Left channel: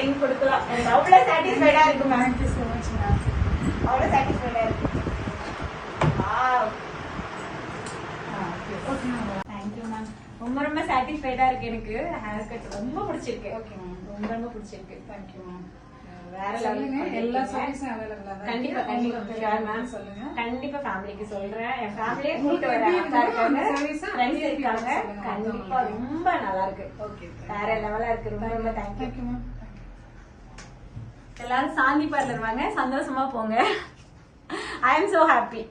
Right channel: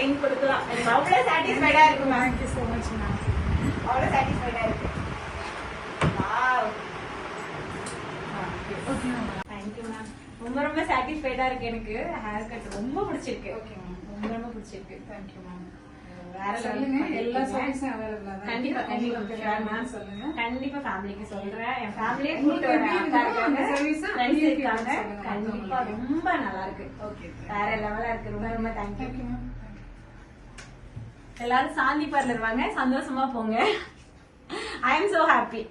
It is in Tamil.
டைம் கொடுக்கலாம். எனக்கு அவ்வளவு சாட்டிஸ்ஃபைடா இருக்கு ma'am. Thank you so much ma'am. அவ்வளவு சாட்டிஸ்ஃபைடா இருக்கு. Wow. Okay ma'am. Thank you ma'am. ரொம்ப ரொம்ப சாட்டிஸ்ஃபைடா இருக்கு. எனக்கு ஹேர் கட் ரொம்ப பிடிச்சிருக்கு. Okay ma'am. ரொம்ப ரொம்ப பிடிச்சிருக்கு. Thank you ma'am. வேற லெவல். எல்லா சர்வீஸும் அவைலபிளா தான். கண்டிப்பா கண்டிப்பா மேம் சொல்லுங்க. கண்டிப்பா ஃபேமிலிக்கு சொல்றேன். என் ஃபேமிலியே கூட்டிட்டு வரேன். சர்வீஸ் ஃப்ரெண்ட்ஸ் இருக்காங்க. கண்டிப்பா ரொம்ப நல்லா இருக்கு. ஓகே வேற லெவலா இருக்கு. ரொம்ப ரொம்ப தேங்க் யூ மேம். எல்லாரும் சாந்தி பார்லர் வாங்க, சந்தோஷமா போங்க. I am so happy.